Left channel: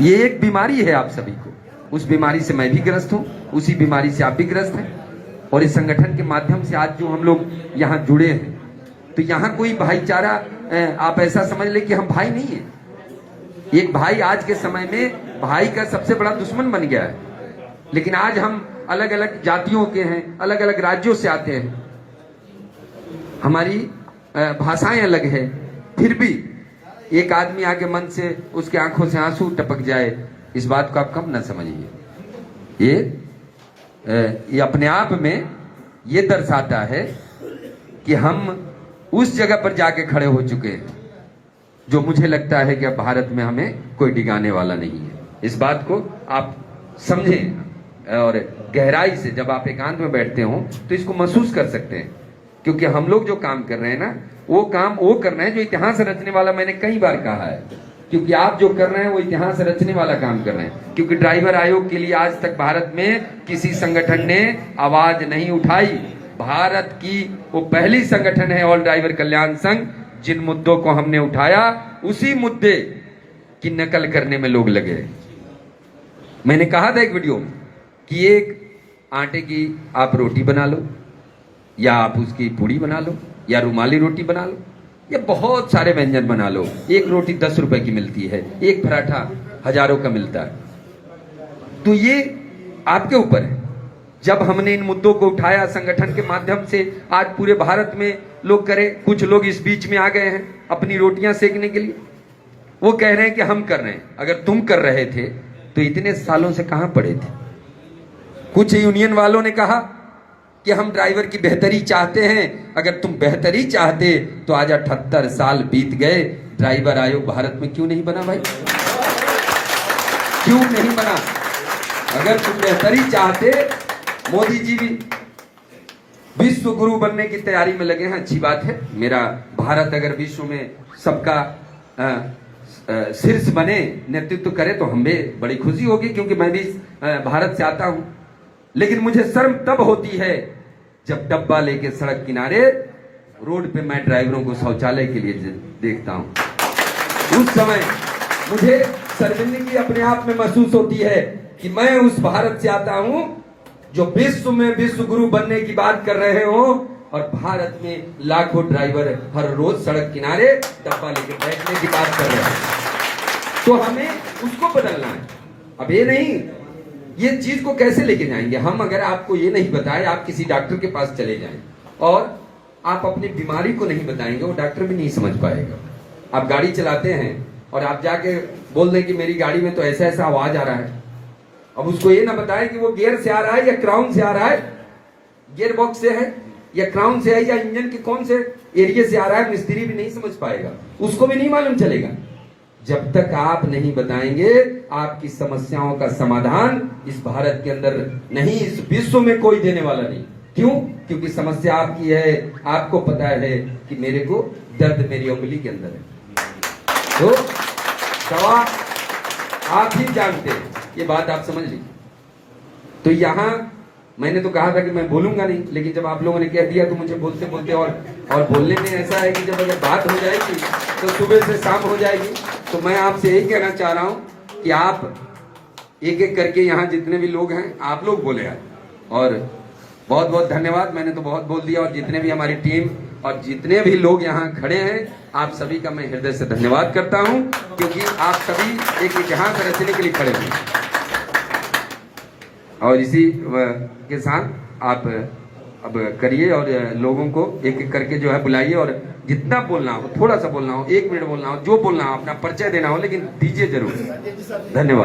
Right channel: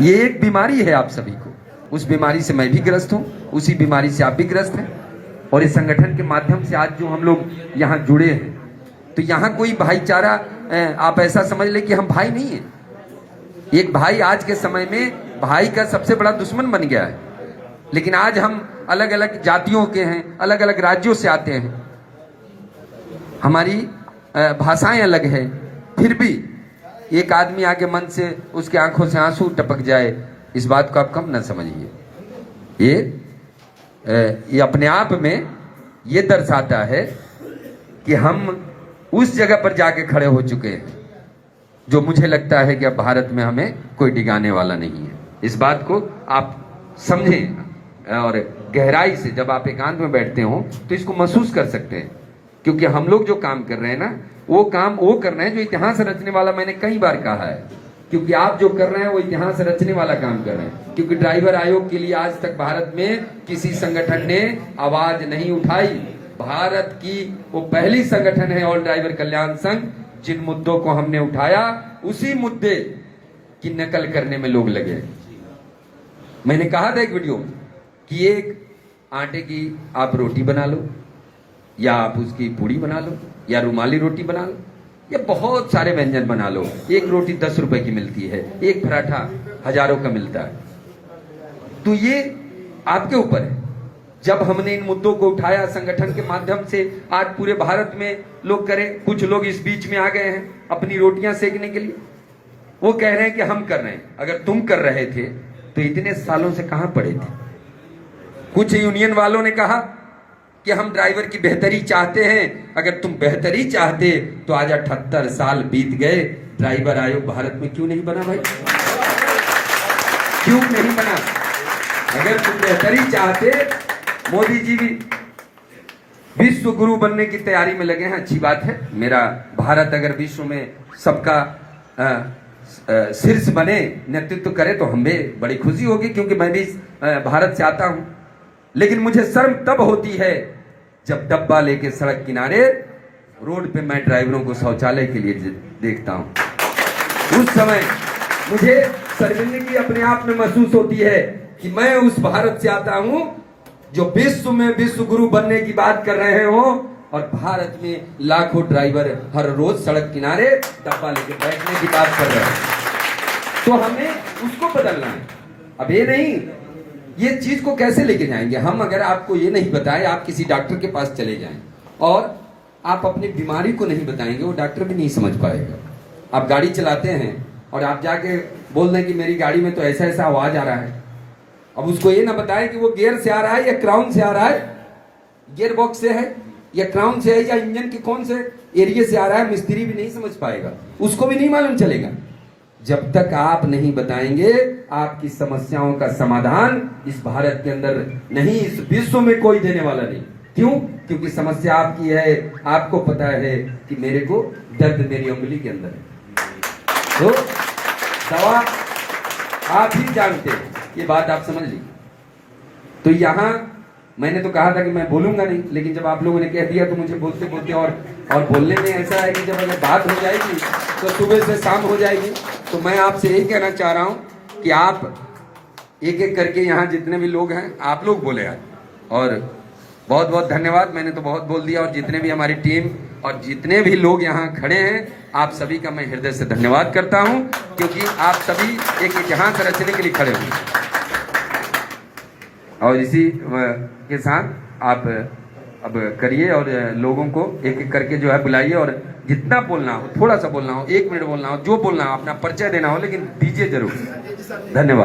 ये एक बीमारी है आप सभी को, उस बीमारी से मैं भी ग्रस्त हूँ, उसी बीमारी से आप भी ग्रस्त हैं। और इस संगठन के माध्यम से आज जो हम लोग यहाँ जुड़े हैं, तो यहाँ कोई भाईचारा आप ऐसा समझ ले कि हम भाई नहीं है। एक भाई आज के समय में भाई का सबसे बड़ा दुश्मन बन गया है। लेकिन आज हम अलग अलग जातियों के हैं, अलग अलग राज्यों से आते हैं, हमारी भाषाएं अलग है, फिर भी एक आदमी आगे मन से उसके आंखों से आंसू टपक जाए, इस बात को आप कब ना समझिए। ये अपने आप में ये दर्शाता है कि हम उस जगह पर जाके खड़े हो चुके हैं जो मुझे लगता है कि अब भारत में हमें कोई डिगाने वाला नहीं है। इस बात को आप समझें और गहराई से जब आप एकांत में बैठते हो तो इसको महसूस कर सकते हैं, क्योंकि हम लोग जो काम कर रहे हैं ना, वो काम वो कर रहे हैं जो इतिहास रचने वाला, मैंने कई बार कहा है, क्योंकि आप जो कर रहे हैं वो इतिहास रचने वाला काम कर रहे हैं। क्योंकि ड्राइवर आयोग के लिए आज तक भारत में किसी संगठन ने आवाज नहीं उठाई। भारत की वो पहली संगठन है ऑल ड्राइवर कल्याण संघ, जिन मुद्दों को हमने उठाया उसी मुद्दे की नकल करने में लोग लगे। मैंने कहा था एक वीडियो में कि एक आटे की आप रोटी बना लो, या आप उसकी पूड़ी बना लो, या रुमाली रोटी बना लो, या बहुत सारे व्यंजन बना लो। एक रोटी 10 रुपए की मिलती है, एक पराठा हजारों का मिलता है। तो ये आपके ऊपर है। जब हमने इन मुद्दों को उठाया संगठन के माध्यम से, आज पूरे भारत में लोग करें, कुछ लोग इस बीच में आ गए हैं अपनी रोटियां सेकने के लिए। वो कह रहे हैं कि हम कर रहे हैं। अगर तुम कर रहे थे तो इतने सालों से कहां पड़े थे? कुछ यूनियन वालों ने कहा कि हम ड्राइवर की बेहतरी चाहते हैं। अगर तुम बेहतरी चाहते तो आज 78 साल बीत गए, ड्राइवर आयोग भारत में क्यों नहीं बना भाई? क्यों नहीं बना? अगर तुम बेहतरी चाहते, मोदी जी भी विश्व गुरु बनने की तैयारी में लगे हैं, अच्छी बात है। मेरा भारत अगर विश्व में सबका शीर्ष बने, नेतृत्व करे तो हमें बड़ी खुशी होगी, क्योंकि मैं भी भारत से आता हूं। लेकिन मुझे शर्म तब होती है जब डब्बा लेके सड़क किनारे रोड पे मैं ड्राइवरों को शौचालय के लिए देखता हूं। उस समय मुझे शर्मिंदगी अपने आप में महसूस होती है कि मैं उस भारत से आता हूं जो विश्व में विश्व गुरु बनने की बात कर रहे हो, और भारत में लाखों ड्राइवर हर रोज सड़क किनारे डब्बा लेके बैठने की बात कर रहे हैं। तो हमें उसको बदलना है। अब ये नहीं, ये चीज को कैसे लेके जाएंगे हम? अगर आपको ये नहीं बताए, आप किसी डॉक्टर के पास चले जाएं और आप अपनी बीमारी को नहीं बताएंगे, वो डॉक्टर भी नहीं समझ पाएगा। आप गाड़ी चलाते हैं और आप जाके बोल दें कि मेरी गाड़ी में तो ऐसा ऐसा आवाज आ रहा है। अब उसको ये ना बताएं कि वो गियर से आ रहा है या क्राउन से आ रहा है, गियर बॉक्स से है या क्राउन से है, या इंजन के कौन से एरिया से आ रहा है, मिस्त्री भी नहीं समझ पाएगा, उसको भी नहीं मालूम चलेगा। जब तक आप नहीं बताएंगे, आपकी समस्याओं का समाधान इस भारत के अंदर नहीं, इस विश्व में कोई देने वाला नहीं। क्यों? क्योंकि समस्या आपकी है। आपको पता है कि मेरे को दर्द मेरी उंगली के अंदर है, तो दवा आप ही जानते हैं, ये बात आप समझ लीजिए। तो यहां मैंने तो कहा था कि मैं बोलूंगा नहीं, लेकिन जब आप लोगों ने कह दिया तो मुझे बोलते बोलते और बोलने में ऐसा है कि जब अगर बात हो जाएगी तो सुबह से शाम हो जाएगी। तो मैं आपसे यही कहना चाह रहा हूं कि आप एक एक करके यहाँ जितने भी लोग हैं, आप लोग बोले यार। और बहुत बहुत धन्यवाद, मैंने तो बहुत बोल दिया। और जितने भी हमारी टीम और जितने भी लोग यहाँ खड़े हैं, आप सभी का मैं हृदय से धन्यवाद करता हूं, क्योंकि आप सभी एक इतिहास रचने के लिए खड़े हुए। और इसी के साथ आप अब करिए और लोगों को एक एक करके जो है बुलाइए, और जितना बोलना हो, थोड़ा सा बोलना हो, 1 मिनट बोलना हो, जो बोलना हो, अपना परिचय देना हो, लेकिन दीजिए जरूर। धन्यवाद।